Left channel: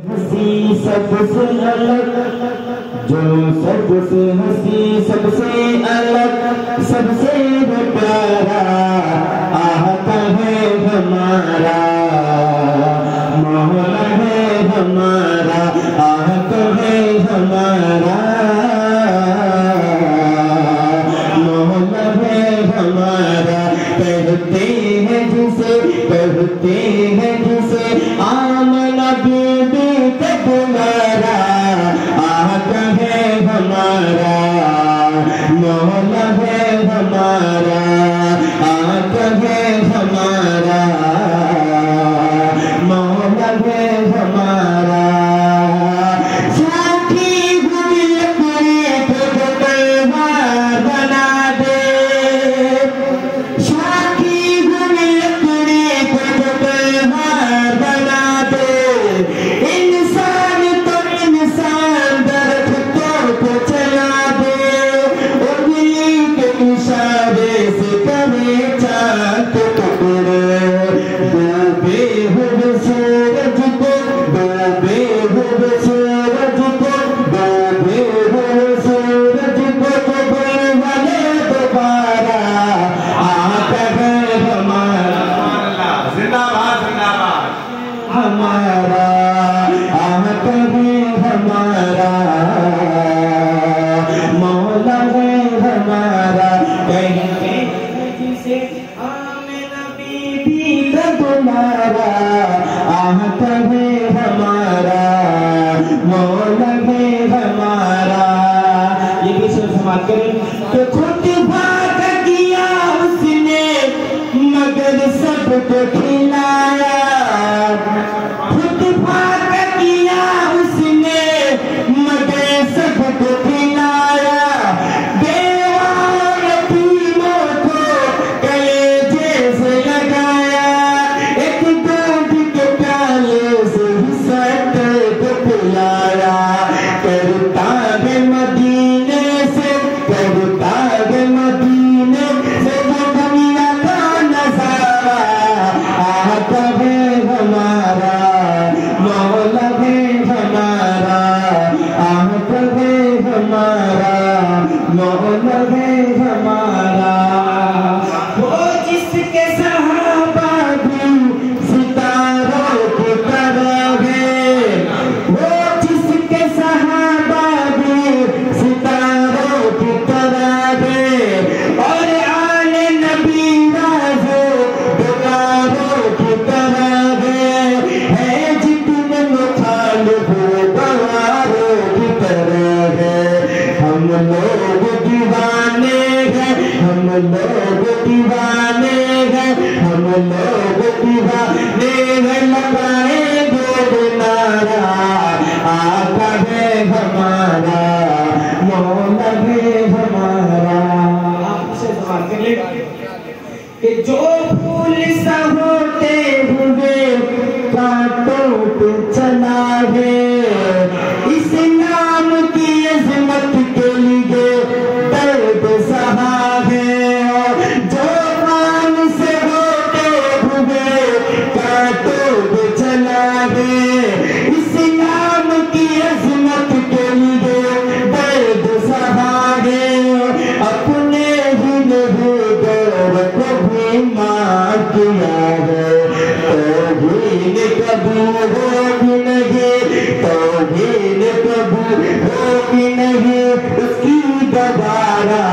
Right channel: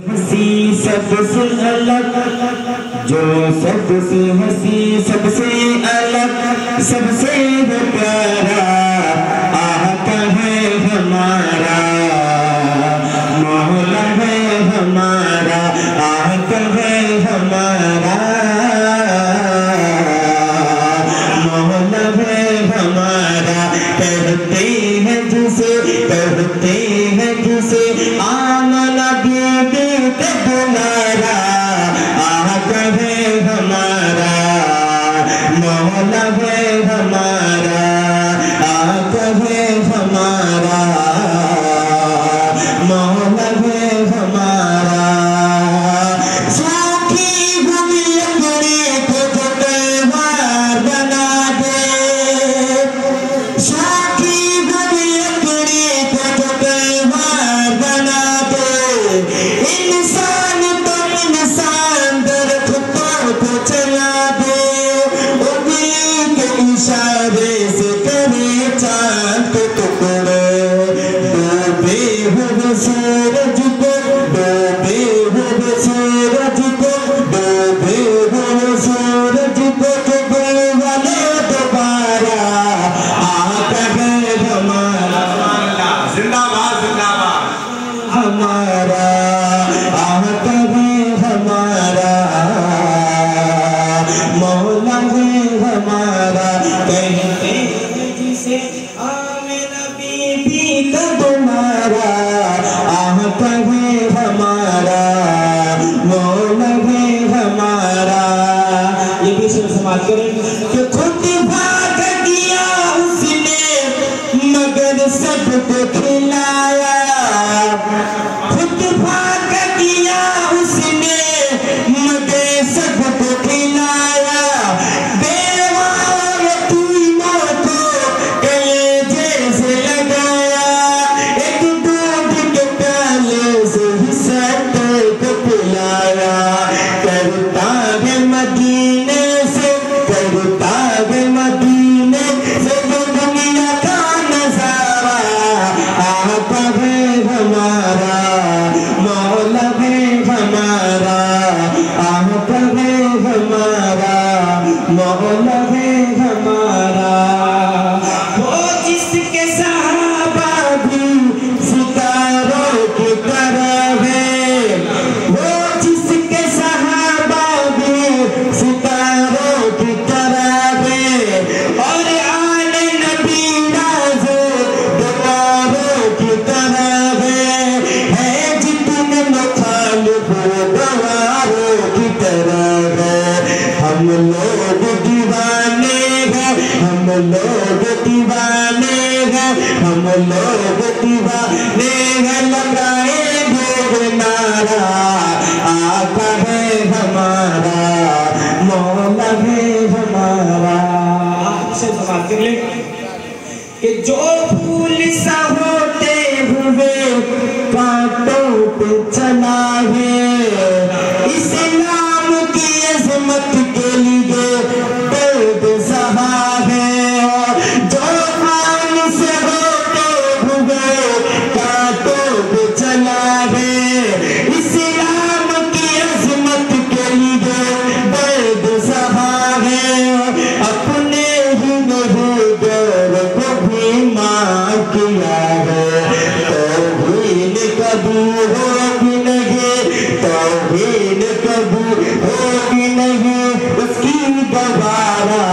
हसी सबसे अलग, जो सबसे हसी सबसे अलग, सबसे प्यारा आका है हमारा, मौला है हमारा, आका है हमारा, मौला है हमारा। कहते हैं जिसे आमना बीबी का तुम्हारा, आका है हमारा, मौला है हमारा, आका है हमारा, मौला है हमारा। सूखी हुई लकड़ी को जो त्योहार बना दे, सूखी हुई लकड़ी को जो त्योहार बना दे, इंसान तो इंसान दरख्तों को चला दे, उंगली के इशारे से करे चांद के टुकड़े, डूबे हुए सूरज को, डूबे हुए सूरज को, डूबे हुए सूरज को डूबने वाले दोबारा आका है हमारा, जिंदाबाद जिंदाबाद हमारा आका है हमारा, मौला है हमारा। कहते हैं जिसे आमिना बीबी का तुम्हारा, आका है हमारा, मौला है हमारा। ये भी सुन समाज करें कि खुद भाग गया उसने मगर सबको खिलाया, खुद भाग गया उसने मगर सबको खिलाया, बेवा और यतीमों को कलेजे से लगाया, एक दूध के प्याले से ही सबको पिलाया, करता है मदीने से, करता है मदीने से जो दुनिया का नजारा, आका है हमारा, मौला है हमारा, आका है हमारा, मौला है हमारा। वो जिसके सहाबा भी सितारों की तरह है, वो जिसके सहाबा भी सितारों की तरह है, और आले नबी राज़े दुलारों की तरह है जितने मुखालिफ गवारों की तरह है। हम लोग दीवाने हैं, हम लोग दीवाने हैं, हम लोग दीवाने हैं, लगाएंगे नारा, आका है हमारा, मौला है हमारा। आपसे सवाल कर ले कि जो फूल सा होते हुए कांटों पे चला है, इस्लाम की अज़मत के लिए दर्द सहा है, जो मान से होते हुए कांटों पे चला है, इस्लाम की अज़मत के लिए दर्द सहा है, अपने ही नहीं गौर को भी मां किया है, तौहीद कबूल होगी नहीं, तौहीद कबूल होगी नहीं, उसकी दोबारा